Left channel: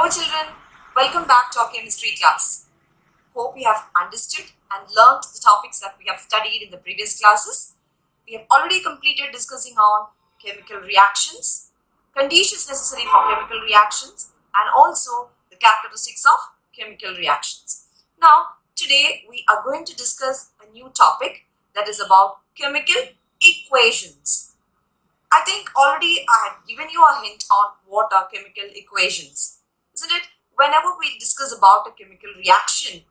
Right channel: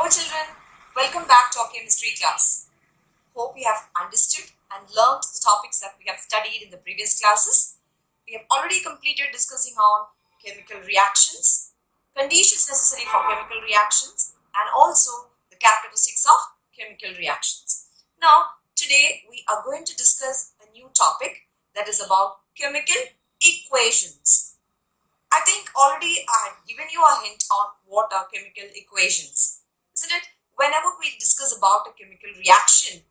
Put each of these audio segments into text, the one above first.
Hello children, welcome back to our chemistry class. Hope you have understood and learned the topics that we have studied in the previous classes. We have already completed discussing on chemical reactions, conditions necessary for chemical reactions, and also the characteristics of chemical reactions. Now, today we are going to discuss a new topic that is about chemical equations. I think already I had given you a hint on what are chemical equations, isn't it? Whenever we discuss about a chemical reaction,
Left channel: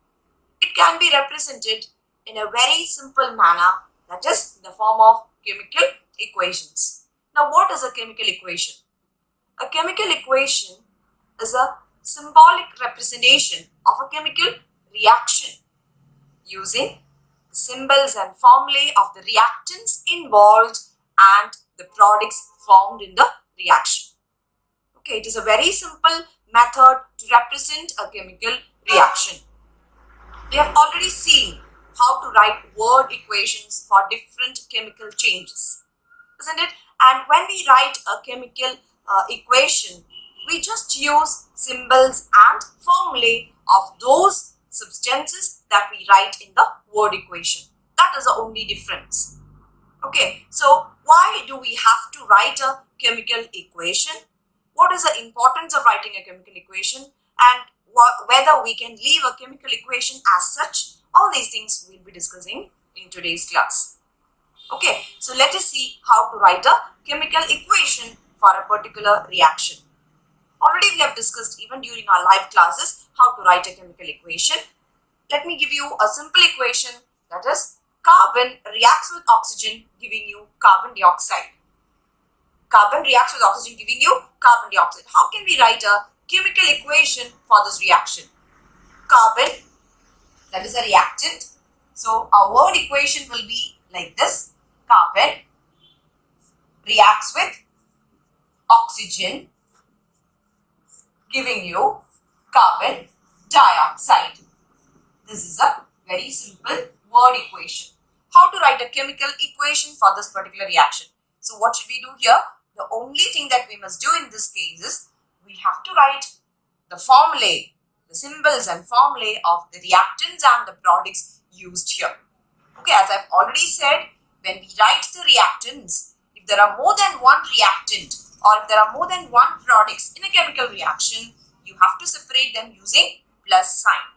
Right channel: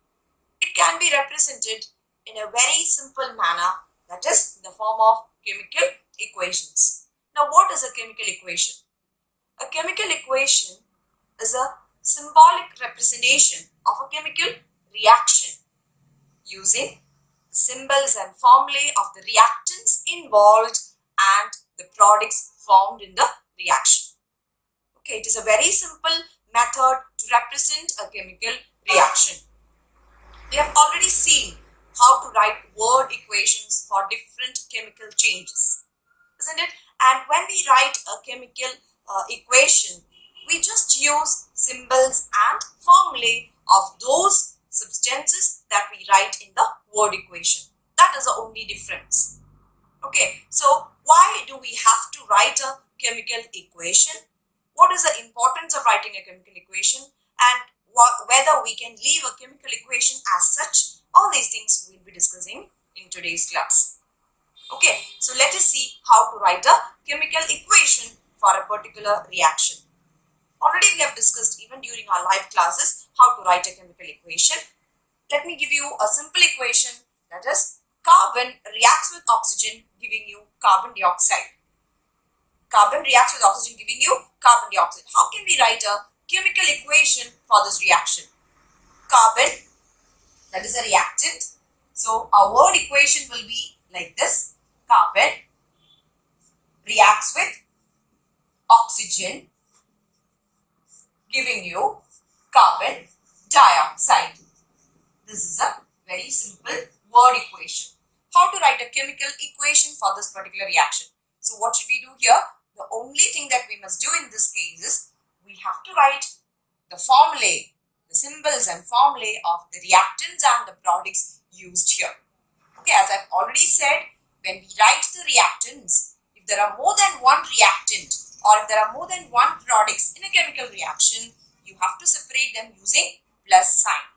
it can be represented in a very simple manner, that is in the form of chemical equations. Now, what is a chemical equation? A chemical equation is a symbolic representation of a chemical reaction using symbols and formulae of the reactants involved and the products formed in the reaction. Okay, it is a very simple method to represent a chemical reaction. We have already seen how to write word equations for different chemical changes, isn't it? And when we write a chemical equation, we just use symbols and formulae of those substances that we write in the word equation. That is the only difference. Okay, so why do we have to write a chemical equation? What is the importance of writing a chemical equation, and whether we can leave a chemical equation as such? All these things we'll be discussing in today's class. Okay, so let us see how to write a chemical equation for a particular reaction. Already we have discussed even during our live classes how to write a chemical equation. Let me give you a simple equation, that is carbon reacts with oxygen giving you carbon dioxide. Carbon reacts with oxygen giving you carbon dioxide. How can we write a chemical equation for this reaction? Carbon, that is a reactant. So our word equation will be like this. Carbon reacts with oxygen giving you carbon dioxide. This is a very simple word equation. How to write a chemical equation for this particular reaction? So what should we do here? The only thing that we must do in this case is we have to write the formulae, the symbols and formulae of the reactants and the products used here. Okay, as I've already said, when we write the reactants, if there are more than one reactant or if there are more than one products in a chemical reaction, you have to separate them using plus sign.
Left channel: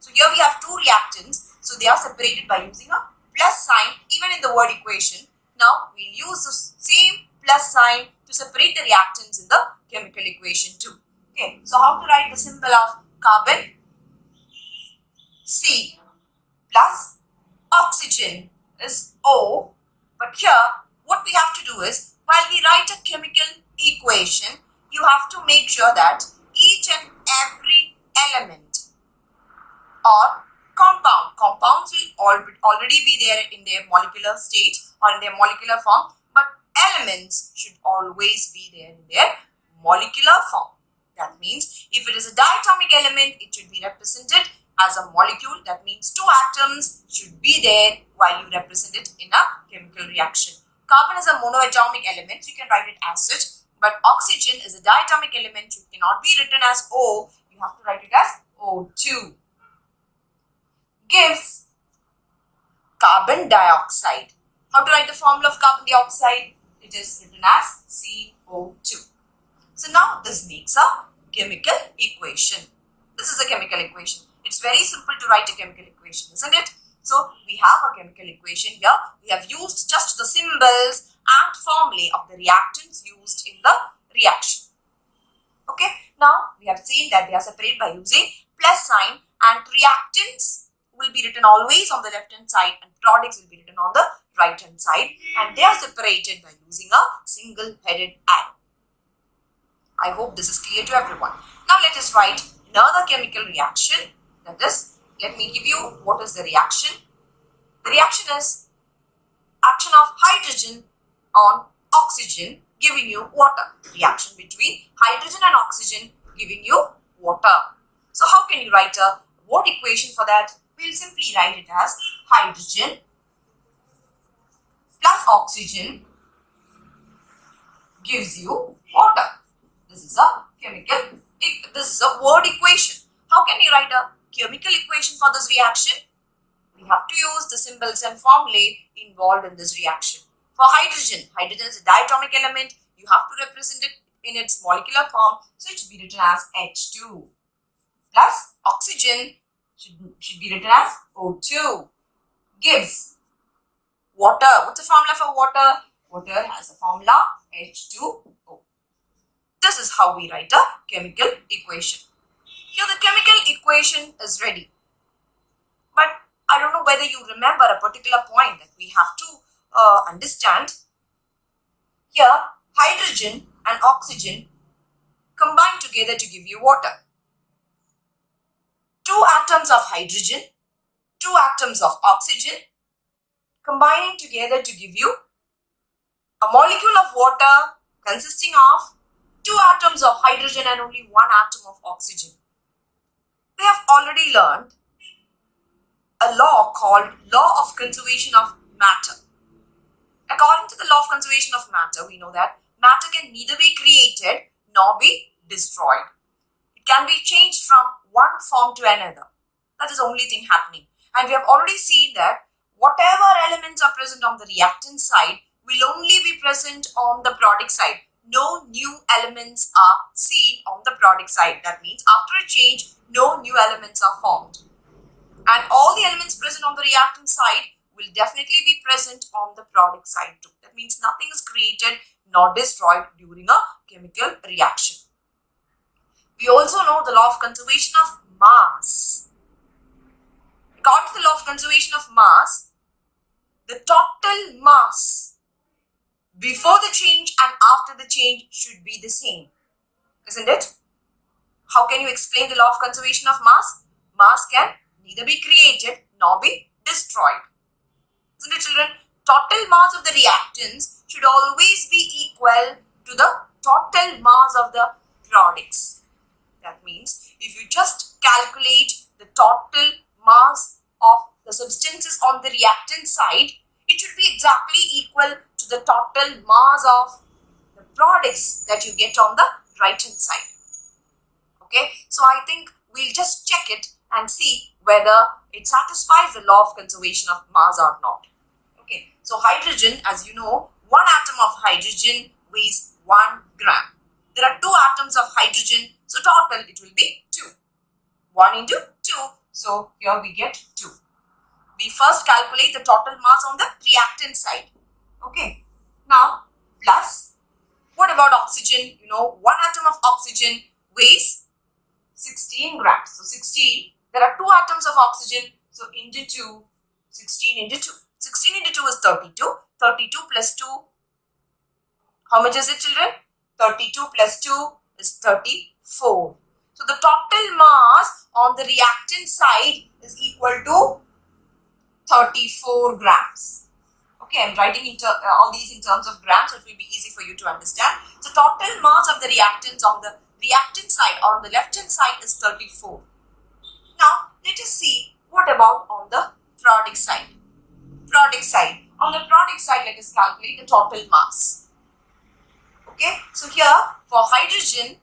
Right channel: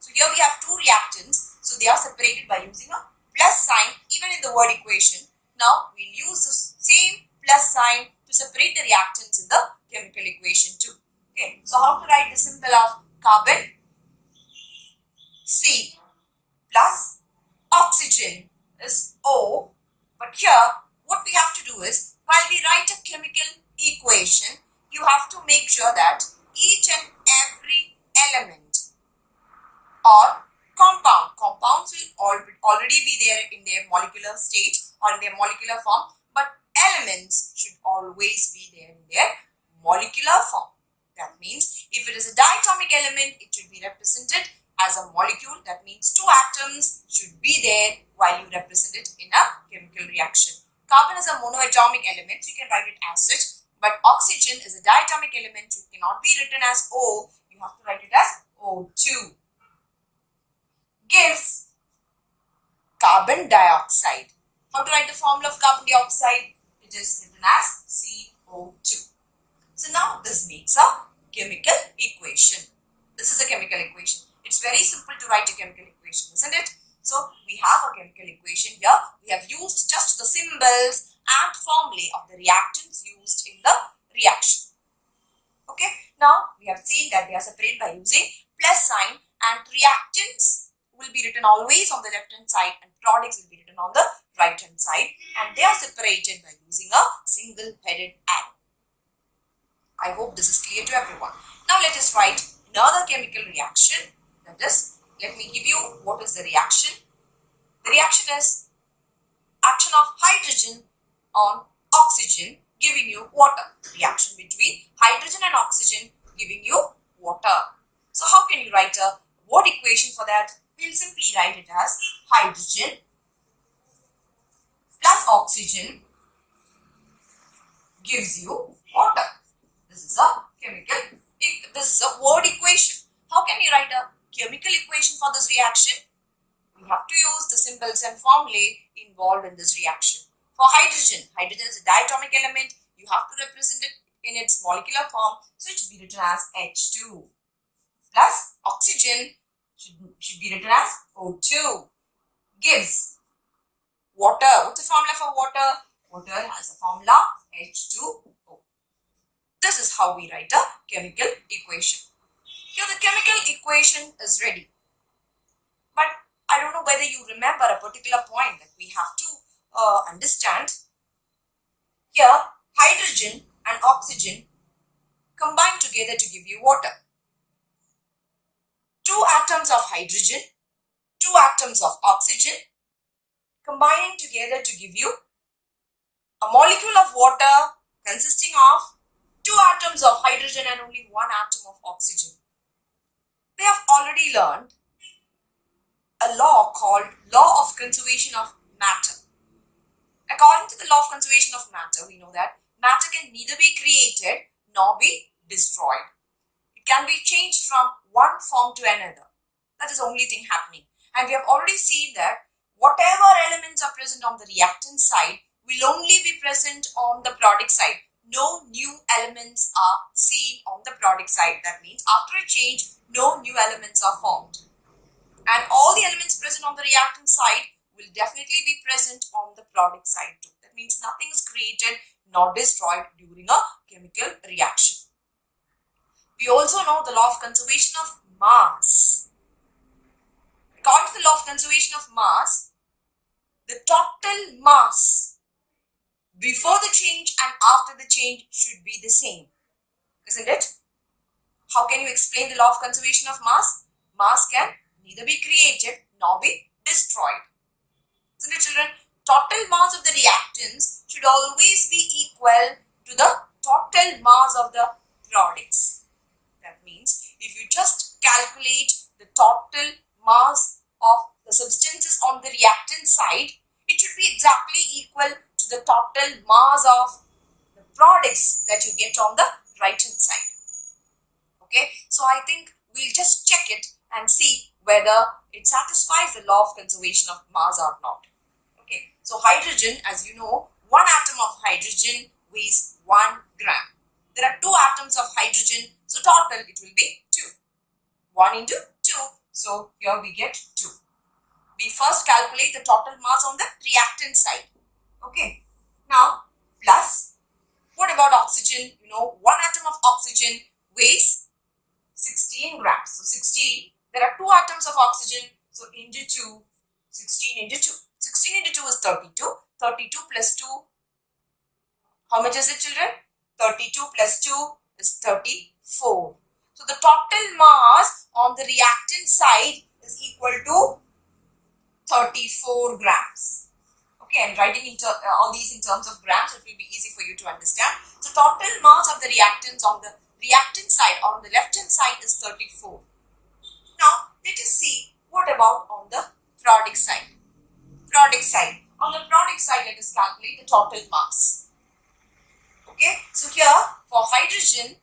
So here we have two reactants, so they are separated by using a plus sign even in the word equation. Now we'll use the same plus sign to separate the reactants in the chemical equation too. Okay, so how to write the symbol of carbon? C plus oxygen is O. But here what we have to do is, while we write a chemical equation, you have to make sure that each and every element or compounds will already be there in their molecular state or in their molecular form, but elements should always be there in their molecular form. That means if it is a diatomic element, it should be represented as a molecule. That means two atoms should be there while you represent it in a chemical reaction. Carbon is a monoatomic element, so you can write it as such, but oxygen is a diatomic element, so it cannot be written as O, you have to write it as O2. Gives carbon dioxide. How to write the formula of carbon dioxide? It is written as CO2. So now this makes a chemical equation. This is a chemical equation. It's very simple to write a chemical equation, isn't it? So we have a chemical equation here. We have used just the symbols and formulae of the reactants used in the reaction. Okay, now we have seen that they are separated by using plus sign, and reactants will be written always on the left hand side and products will be written on the right hand side, and they are separated by using a single headed arrow. I hope this is clear to everyone. Now let us write another chemical reaction. That is, let me give you what is the reaction. The reaction is action of hydrogen on oxygen giving you water. Reaction between hydrogen and oxygen giving you water. So how can you write a word equation for that? We'll simply write it as hydrogen plus oxygen gives you water. This is a a word equation. How can you write a chemical equation for this reaction? We have to use the symbols and formulae involved in this reaction. For hydrogen, hydrogen is a diatomic element. You have to represent it in its molecular form. So it should be written as H2. Plus oxygen should be written as O2. Gives water. What's the formula for water? Water has a formula H2O. This is how we write a chemical equation. Here the chemical equation is ready. But I don't know whether you remember a particular point that we have to understand. Here, hydrogen and oxygen combine together to give you water. 2 atoms of hydrogen, 2 atoms of oxygen combining together to give you a molecule of water consisting of 2 atoms of hydrogen and only 1 atom of oxygen. We have already learned a law called law of conservation of matter. According to the law of conservation of matter, we know that matter can neither be created nor be destroyed. It can be changed from one form to another. That is the only thing happening. And we have already seen that whatever elements are present on the reactant side will only be present on the product side. No new elements are seen on the product side. That means after a change, no new elements are formed. And all the elements present on the reactant side will definitely be present on the product side too. That means nothing is created nor destroyed during a chemical reaction. We also know the law of conservation of mass. According to the law of conservation of mass, the total mass before the change and after the change should be the same. Isn't it? How can you explain the law of conservation of mass? Mass can neither be created nor be destroyed. Isn't it, children? Total mass of the reactants should always be equal to the total mass of the products. That means if you just calculate the total mass of the substances on the reactant side, it should be exactly equal to the total mass of the products that you get on the right hand side. Okay, so I think we'll just check it and see whether it satisfies the law of conservation of mass or not. Okay, so hydrogen, as you know, 1 atom of hydrogen weighs 1 gram. There are 2 atoms of hydrogen, so total it will be 2. 1 into 2, so here we get 2. We first calculate the total mass on the reactant side. Okay, now plus, what about oxygen? You know, 1 atom of oxygen weighs 16 grams. So 16, there are 2 atoms of oxygen, so into 2, 16 into 2. 16 into 2 is 32. 32 plus 2, how much is it, children? 32 plus 2 is 34. So the total mass on the reactant side is equal to 34 grams. Okay, I'm writing all these in terms of grams, so it will be easy for you to understand. So total mass of the reactants on the reactant side or on the left hand side is 34. Now let us see what about on the product side. On the product side, let us calculate the total mass. Okay, so here for hydrogen,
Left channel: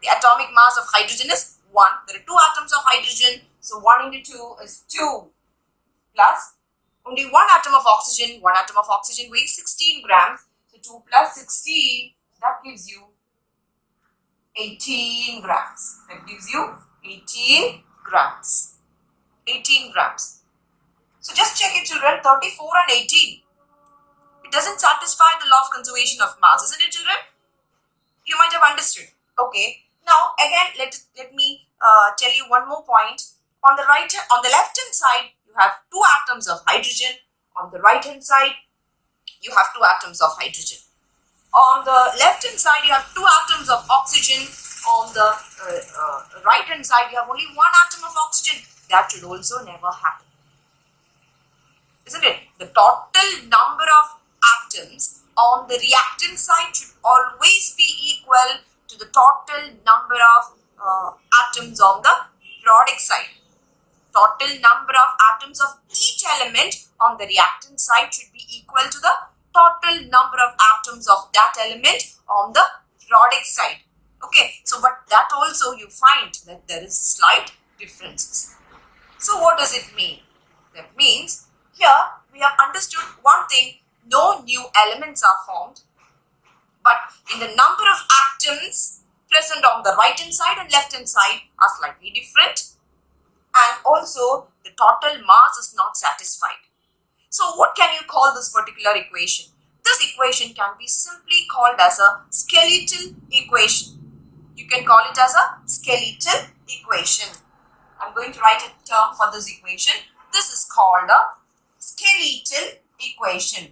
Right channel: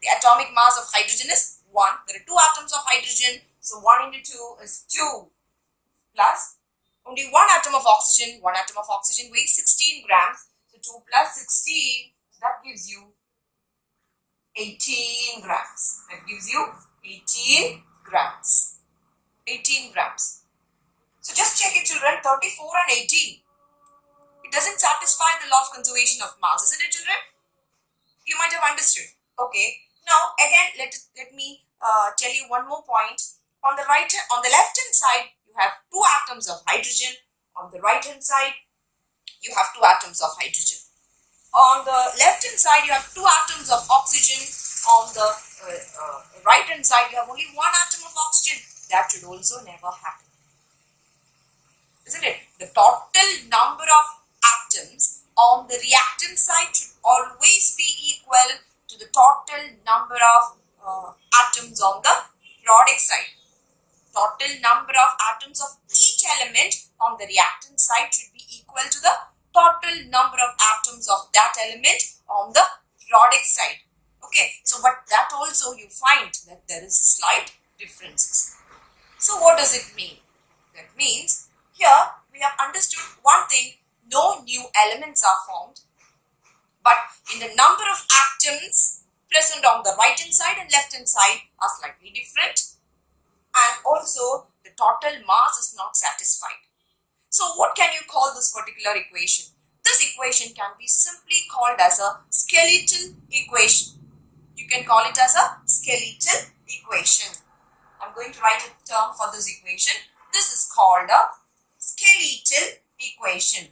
the atomic mass of hydrogen is 1. There are 2 atoms of hydrogen, so 1 into 2 is 2. Plus only 1 atom of oxygen. 1 atom of oxygen weighs 16 grams. So 2 plus 16, that gives you 18 grams. That gives you 18 grams. 18 grams. So just check it, children. 34 and 18. It doesn't satisfy the law of conservation of mass, isn't it, children? You might have understood. Okay. Now again, let me tell you one more point. On the left hand side, you have 2 atoms of hydrogen. On the right hand side, you have 2 atoms of hydrogen. On the left hand side, you have 2 atoms of oxygen. On the right hand side, you have only 1 atom of oxygen. That should also never happen. Isn't it? The total number of atoms on the reactant side should always be equal to the total number of atoms on the product side. Total number of atoms of each element on the reactant side should be equal to the total number of atoms of that element on the product side. Okay, so but that also you find that there is slight differences. So what does it mean? That means here we have understood one thing, no new elements are formed, but in the number of atoms present on the right hand side and left hand side are slightly different, and also the total mass is not satisfied. So what can you call this particular equation? This equation can be simply called as a skeletal equation. You can call it as a skeletal equation. I'm going to write a term for this equation. This is called a skeletal equation.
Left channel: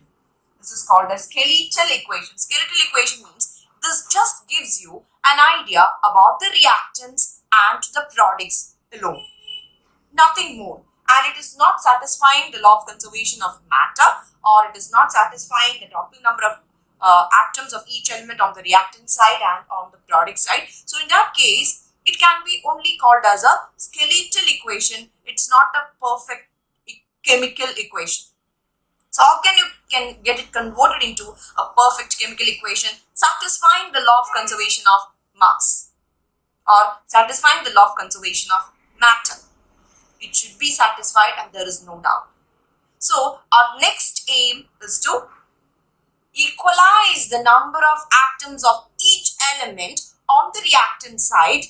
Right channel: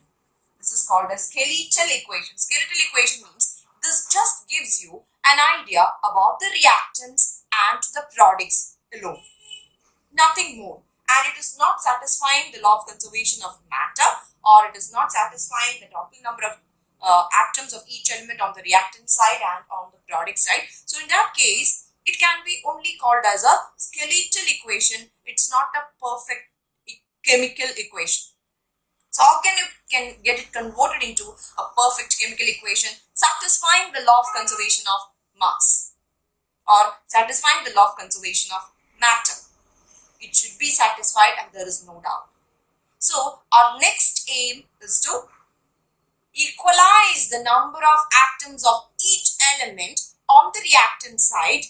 This is called a skeletal equation. Skeletal equation means this just gives you an idea about the reactants and the products alone. Nothing more. And it is not satisfying the law of conservation of matter, or it is not satisfying the total number of atoms of each element on the reactant side and on the product side. So in that case, it can be only called as a skeletal equation. It's not a perfect chemical equation. So how can you get it converted into a perfect chemical equation satisfying the law of conservation of mass or satisfying the law of conservation of matter? It should be satisfied, and there is no doubt. So our next aim is to equalize the number of atoms of each element on the reactant side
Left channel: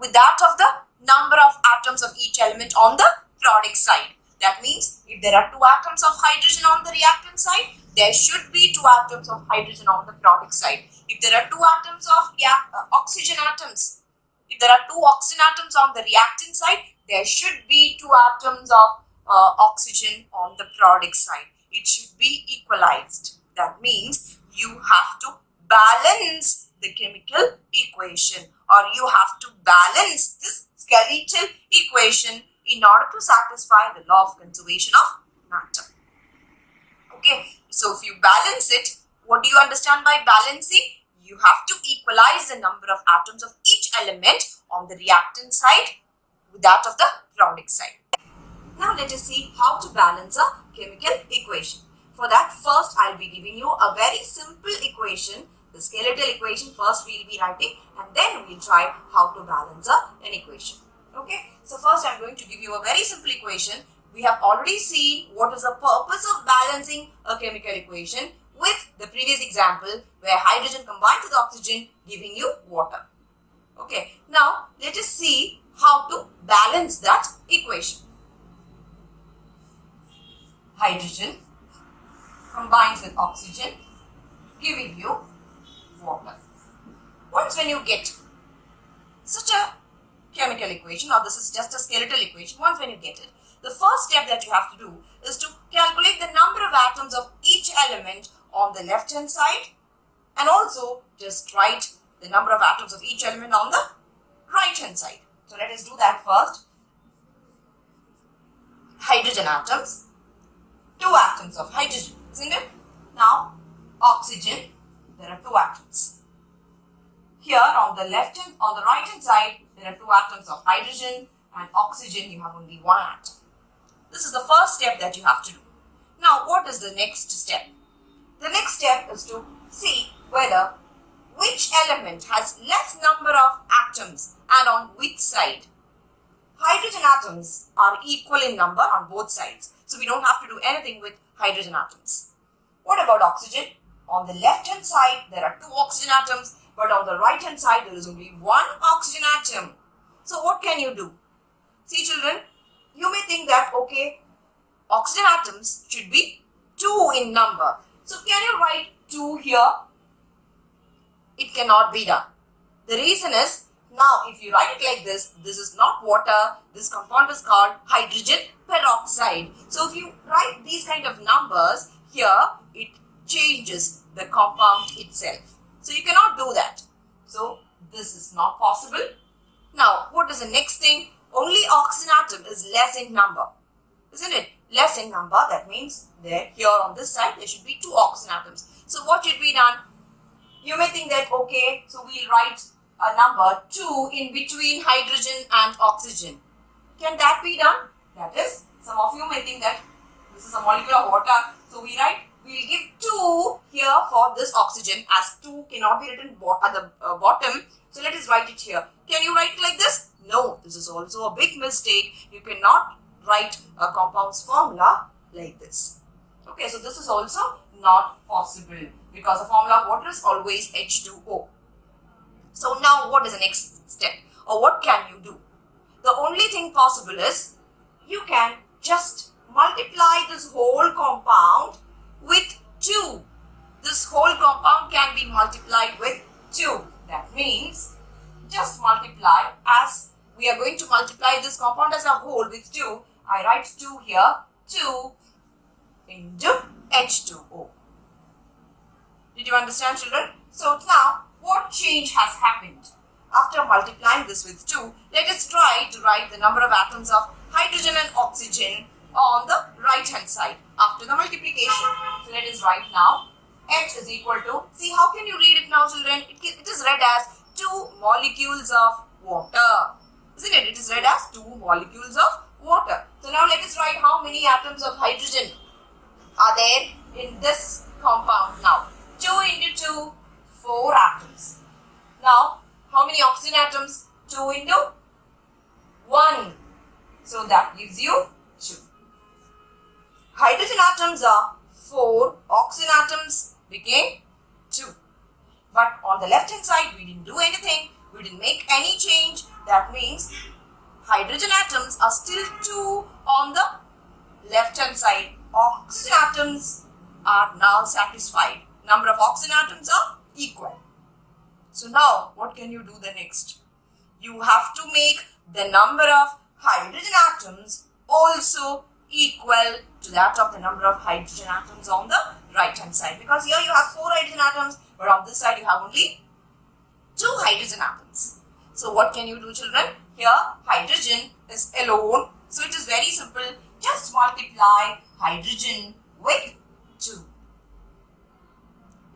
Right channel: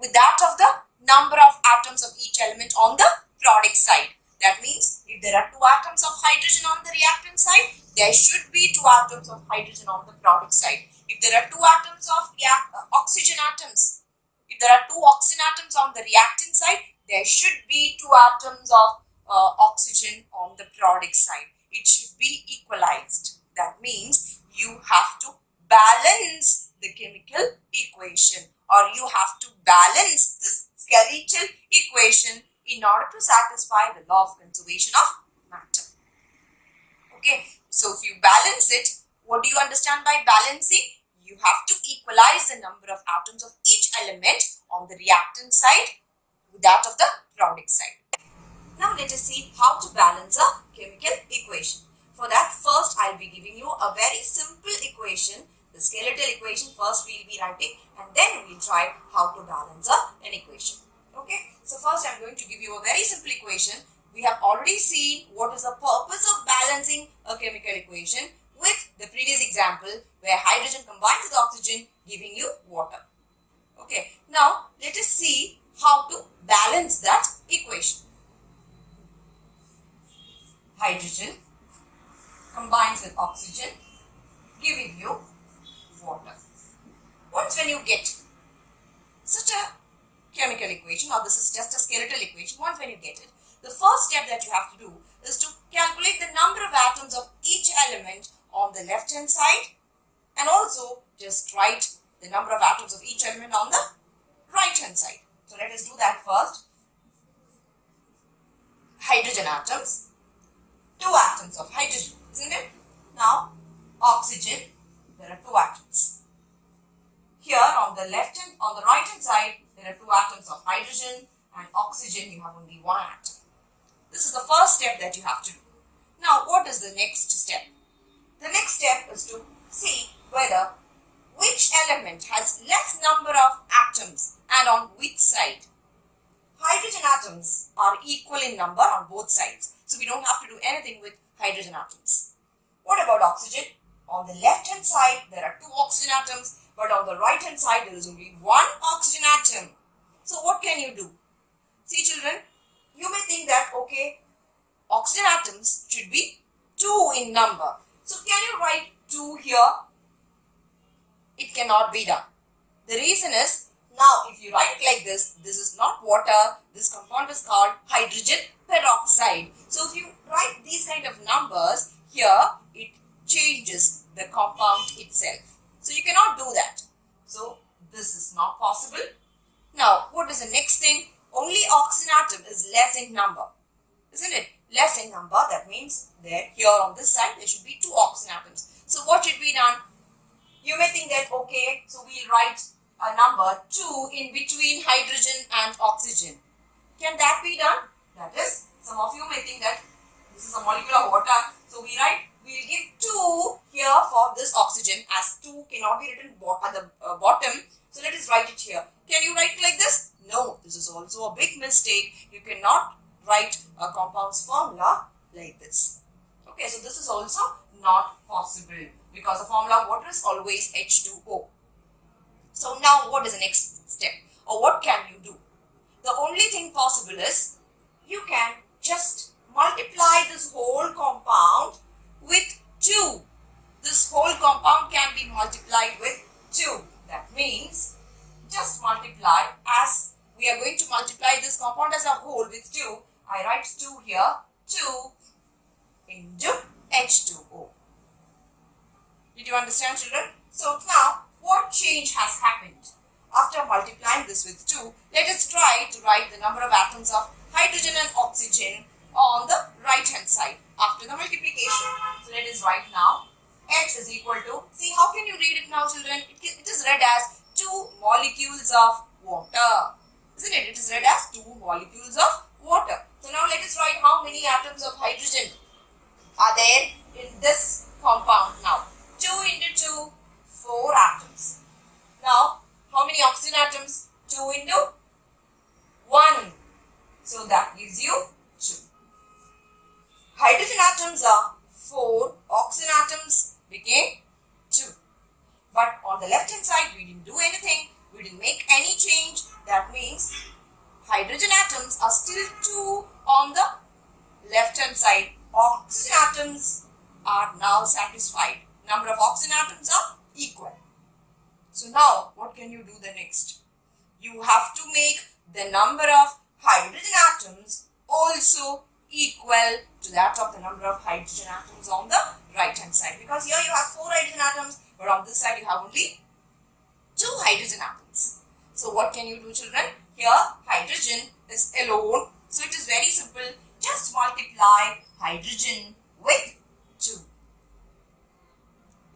with that of the number of atoms of each element on the product side. That means if there are 2 atoms of hydrogen on the reactant side, there should be 2 atoms of hydrogen on the product side. If there are 2 atoms of oxygen atoms, if there are 2 oxygen atoms on the reactant side, there should be 2 atoms of oxygen on the product side. It should be equalized. That means you have to balance the chemical equation, or you have to balance this skeletal equation in order to satisfy the law of conservation of matter. Okay, so if you balance it, what do you understand by balancing? You have to equalize the number of atoms of each element on the reactant side with that of the product side. Now let us see how to balance a chemical equation. For that, first I'll be giving you a very simple equation, the skeletal equation. First we'll be writing, and then we'll try how to balance an equation. Okay, so first I'm going to give you a very simple equation. We have already seen what is the purpose of balancing a chemical equation with the previous example where hydrogen combines with oxygen giving you water. Okay, now let us see how to balance that equation. Hydrogen combines with oxygen giving you water. Once when you get such a chemical equation, or this is just a skeletal equation, once when you get it, the first step that you have to do is to calculate the number of atoms of each element on the left hand side, and also just write the number of atoms of each element on the right hand side. So let us do that first. Hydrogen atoms, 2 atoms of hydrogen, isn't it? Now oxygen, there are 2 atoms. Here on the right hand side, there are 2 atoms of hydrogen, and oxygen you have only 1 atom. This is the first step that you have to do. Now what is the next step? The next step is to see whether which element has less number of atoms and on which side. Hydrogen atoms are equal in number on both sides, so we don't have to do anything with hydrogen atoms. What about oxygen? On the left hand side there are 2 oxygen atoms, but on the right hand side there is only 1 oxygen atom. So what can you do? See children, you may think that okay, oxygen atoms should be 2 in number. So can you write 2 here? It cannot be done. The reason is, now if you write like this is not water, this compound is called hydrogen peroxide. So if you write these kind of numbers here, it changes the compound itself. So you cannot do that. So this is not possible. Now what is the next thing? Only oxygen atom is less in number, isn't it? Less in number, that means there here on this side there should be 2 oxygen atoms. So what should be done? You may think that okay, so we'll write a number 2 in between hydrogen and oxygen. Can that be done? That is, some of you may think that this is a molecule of water, so we'll give 2 here for this oxygen, as 2 cannot be written at the bottom. So let us write it here. Can you write it like this? No, this is also a big mistake. You cannot write a compound's formula like this. Okay, so this is also not possible because the formula of water is always H2O. So now what is the next step, or what can you do? The only thing possible is you can just multiply this whole compound with 2. This whole compound can be multiplied with 2. That means just multiply, as we are going to multiply this compound as a whole with 2. I write 2 here. 2 into H2O. Did you understand, children? So now what change has happened? After multiplying this with 2, let us try to write the number of atoms of hydrogen and oxygen on the right hand side after the multiplication. So let us write now. H is equal to, see how can you read it now, children? It is read as 2 molecules of water. Isn't it? It is read as 2 molecules of water. So now let us write how many atoms of hydrogen are there in this compound now. 2 into 2, 4 atoms. Now, how many oxygen atoms? 2 into 1. So that gives you 2. Hydrogen atoms are 4. Oxygen atoms became 2. But on the left hand side, we didn't do anything. We didn't make any change. That means hydrogen atoms are still 2 on the left hand side. Oxygen atoms are now satisfied. Number of oxygen atoms are equal. So now what can you do the next? You have to make the number of hydrogen atoms also equal to that of the number of hydrogen atoms on the right hand side. Because here you have 4 hydrogen atoms, but on this side you have only 2 hydrogen atoms. So what can you do, children? Here hydrogen is alone. So it is very simple. Just multiply hydrogen with 2.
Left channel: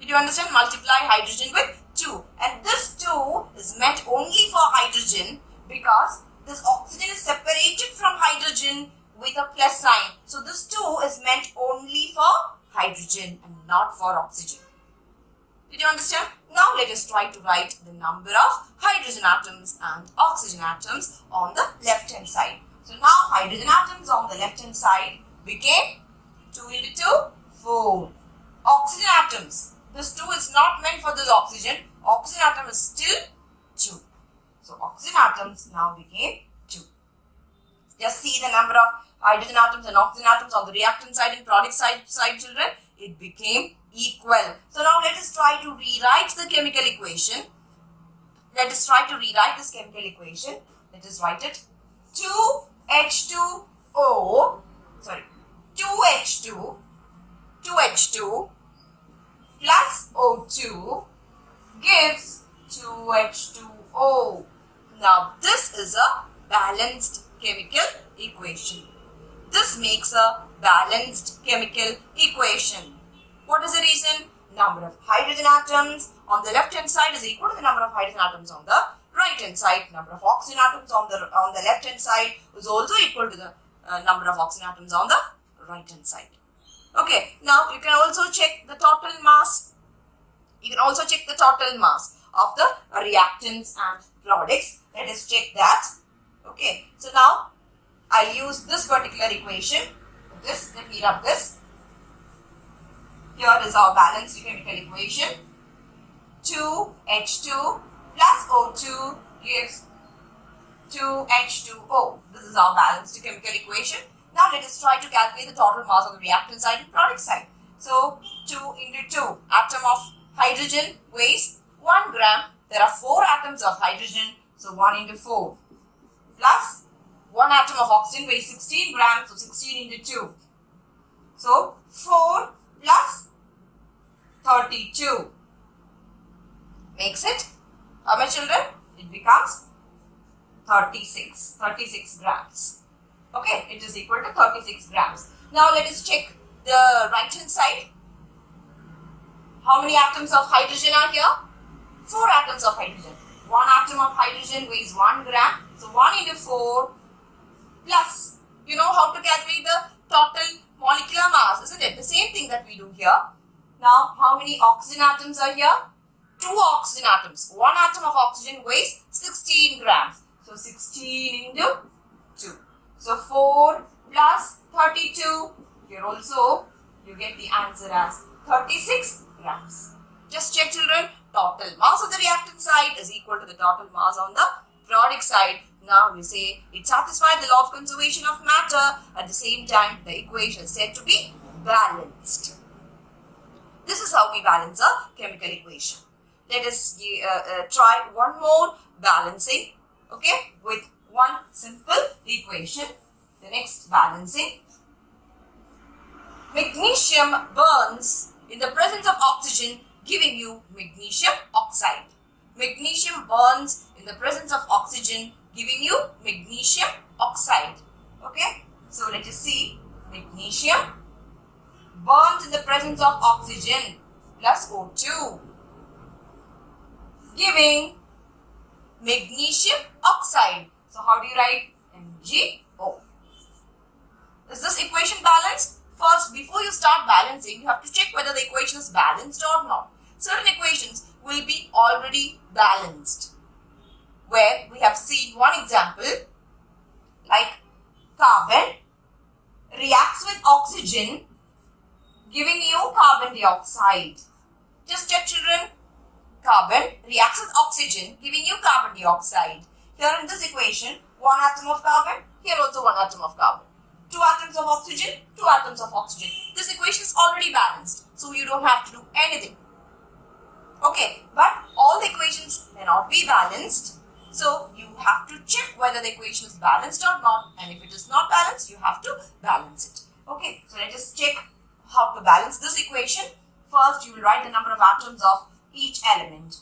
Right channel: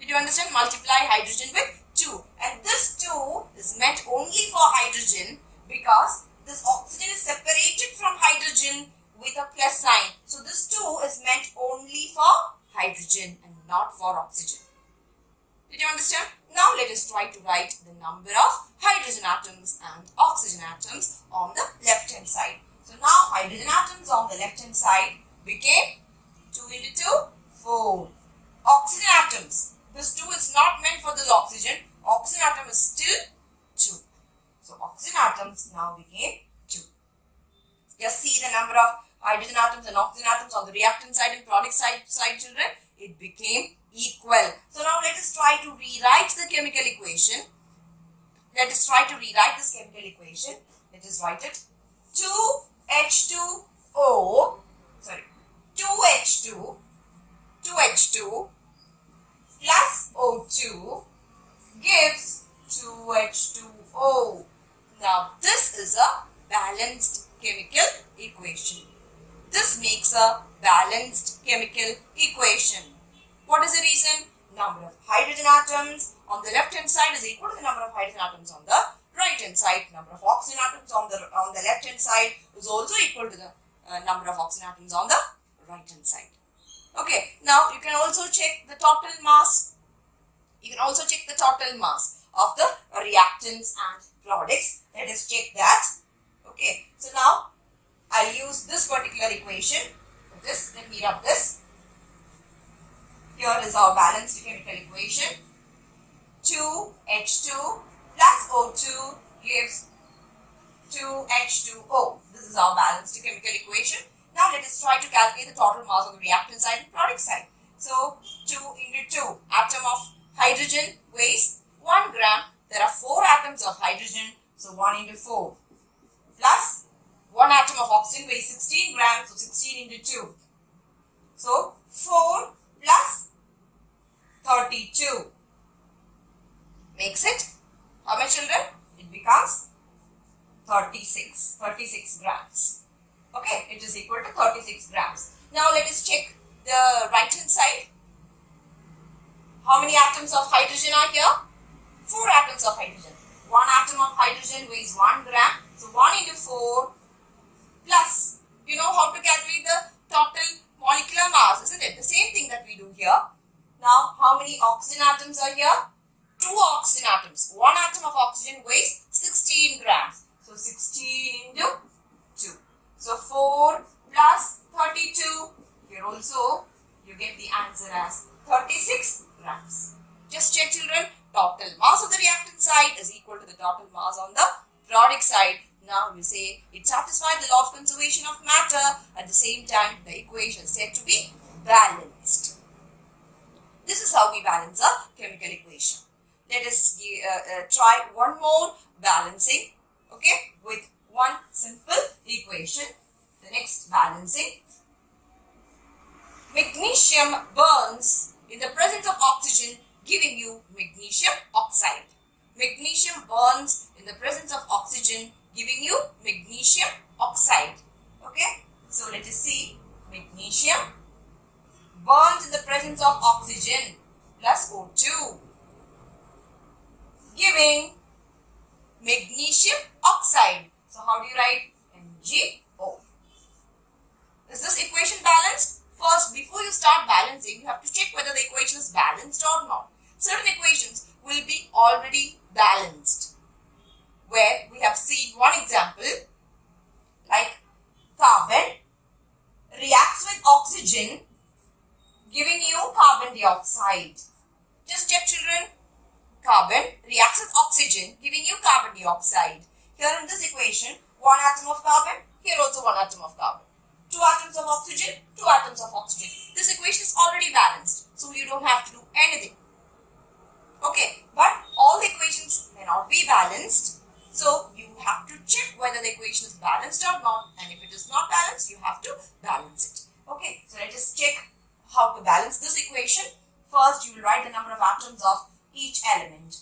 Did you understand? Multiply hydrogen with 2. And this 2 is meant only for hydrogen because this oxygen is separated from hydrogen with a plus sign. So this 2 is meant only for hydrogen and not for oxygen. Did you understand? Now let us try to write the number of hydrogen atoms and oxygen atoms on the left hand side. So now hydrogen atoms on the left hand side became 2 into 2, 4. Oxygen atoms. This 2 is not meant for this oxygen. Oxygen atom is still 2. So oxygen atoms now became 2. Just see the number of hydrogen atoms and oxygen atoms on the reactant side and product side, children. It became equal. So now let us try to rewrite the chemical equation. Let us try to rewrite this chemical equation. Let us write it. 2H2O, 2H2 plus O2 gives 2H2O. Now this is a balanced chemical equation. This makes a balanced chemical equation. What is the reason? Number of hydrogen atoms on the left hand side is equal to the number of hydrogen atoms on the right hand side. Number of oxygen atoms on the left hand side is also equal to the number of oxygen atoms on the right hand side. Okay, now you can also check the total mass. You can also check the total mass of the reactants and products. Let us check that. Okay, so now I'll use this particular equation. Let me rub this. Here is our balanced chemical equation. 2H2 plus O2 gives 2H2O. This is our balanced chemical equation. Now let us try to calculate the total mass on the reactant side and product side. So 2 into 2. Atom of hydrogen weighs 1 gram. There are 4 atoms of hydrogen. So 1 into 4. Plus 1 atom of oxygen weighs 16 grams. So 16 into 2. So 4 plus 32 makes it, how much, children? It becomes 36 grams. Okay, it is equal to 36 grams. Now let us check the right hand side. How many atoms of hydrogen are here? 4 atoms of hydrogen. 1 atom of hydrogen weighs 1 gram. So 1 into 4 plus, you know how to calculate the total molecular mass, isn't it? The same thing that we do here. Now, how many oxygen atoms are here? 2 oxygen atoms. 1 atom of oxygen weighs 16 grams. So 16 into 2. So 4 plus 32. Here also you get the answer as 36 grams. Just check, children. Total mass of the reactant side is equal to the total mass on the product side. Now we say it satisfies the law of conservation of matter. At the same time, the equation is said to be balanced. This is how we balance a chemical equation. Let us try one more balancing, okay, with one simple equation. The next balancing. Magnesium burns in the presence of oxygen, giving you magnesium oxide. Magnesium burns in the presence of oxygen, giving you magnesium oxide. Okay, so let us see. Magnesium burns in the presence of oxygen plus O2, giving magnesium oxide. So how do you write? MgO. Is this equation balanced? First, before you start balancing, you have to check whether the equation is balanced or not. Certain equations will be already balanced, where we have seen one example, like carbon reacts with oxygen, giving you carbon dioxide. Just check, children. Carbon reacts with oxygen, giving you carbon dioxide. Here in this equation, 1 atom of carbon, here also 1 atom of carbon. 2 atoms of oxygen, 2 atoms of oxygen. This equation is already balanced, so you don't have to do anything. Okay, but all the equations may not be balanced, so you have to check whether the equation is balanced or not, and if it is not balanced, you have to balance it. Okay, so let us check how to balance this equation. First, you will write the number of atoms of each element.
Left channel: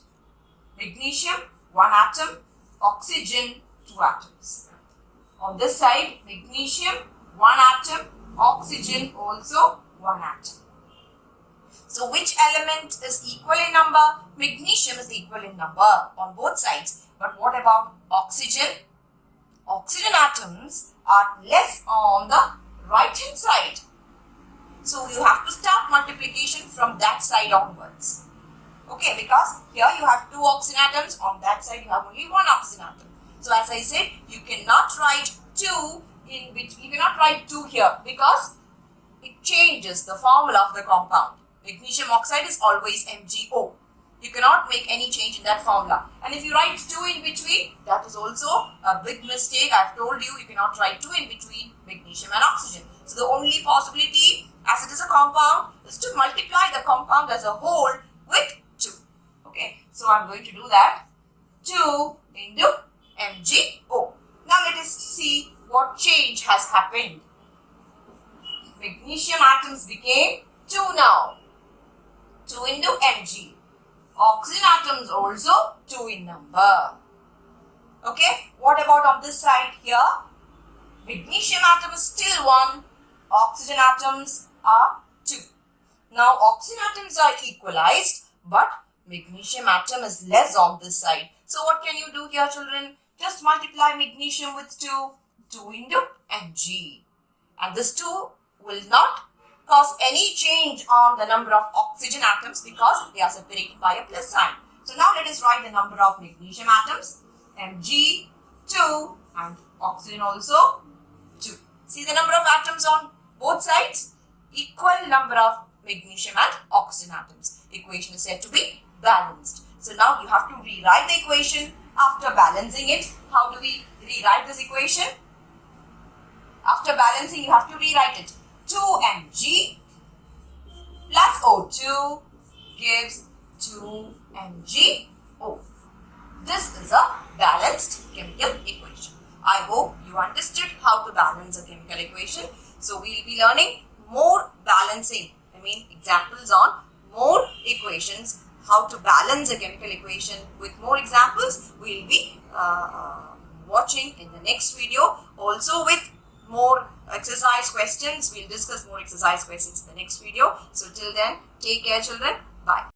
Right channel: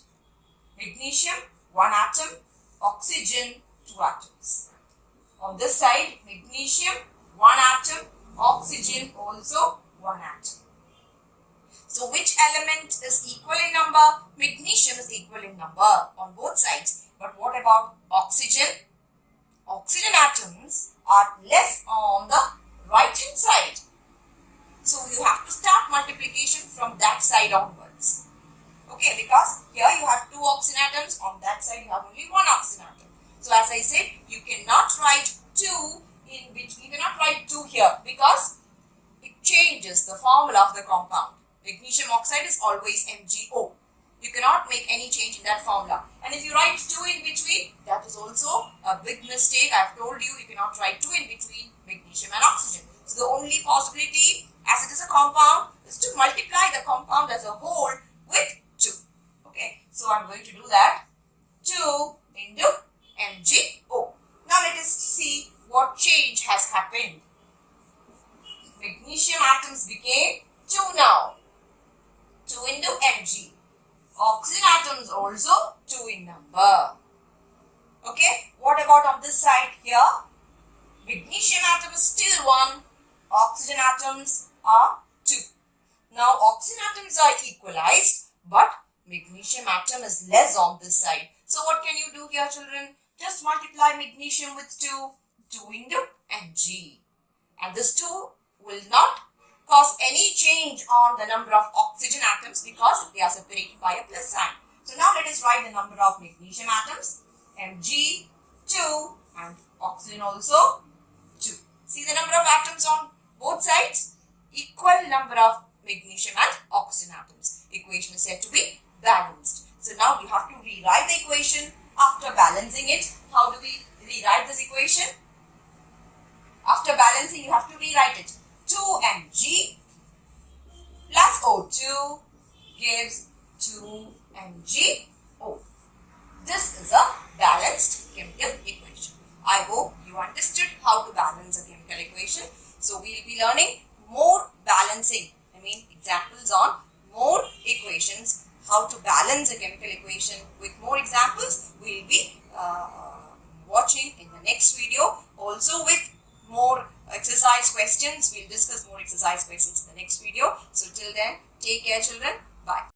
Magnesium, 1 atom, oxygen, 2 atoms. On this side, magnesium, 1 atom, oxygen also 1 atom. So which element is equal in number? Magnesium is equal in number on both sides. But what about oxygen? Oxygen atoms are less on the right hand side. So you have to start multiplication from that side onwards. Okay, because here you have 2 oxygen atoms, on that side you have only 1 oxygen atom. So as I said, you cannot write 2 in between, you cannot write 2 here because it changes the formula of the compound. Magnesium oxide is always MgO. You cannot make any change in that formula. And if you write 2 in between, that is also a big mistake. I have told you, you cannot write 2 in between magnesium and oxygen. So the only possibility, as it is a compound, is to multiply the compound as a whole with 2. Okay, so I am going to do that. 2 into MgO. Now let us see what change has happened. Magnesium atoms became 2 now. 2 into Mg. Oxygen atoms also 2 in number. Okay, what about on this side here? Magnesium atom is still 1. Oxygen atoms are 2. Now oxygen atoms are equalized, but magnesium atom is less on this side. So what can you do here, children? Just multiply magnesium with 2. 2 into Mg. And this 2 will not cause any change on the number of oxygen atoms because they are separated by a plus sign. So now let us write the number of magnesium atoms. Mg 2 and oxygen also 2. See the number of atoms on both sides? Equal number of magnesium and oxygen atoms. Equation is said to be balanced. So now you have to rewrite the equation after balancing it. How do we rewrite this equation? After balancing, you have to rewrite it. 2Mg plus O2 gives 2MgO. This is a balanced chemical equation. I hope you understood how to balance a chemical equation. So we will be learning more balancing, examples on more equations, how to balance a chemical equation with more examples. We will be watching in the next video, also with more exercise questions. We'll discuss more exercise questions in the next video. So till then, take care, children. Bye.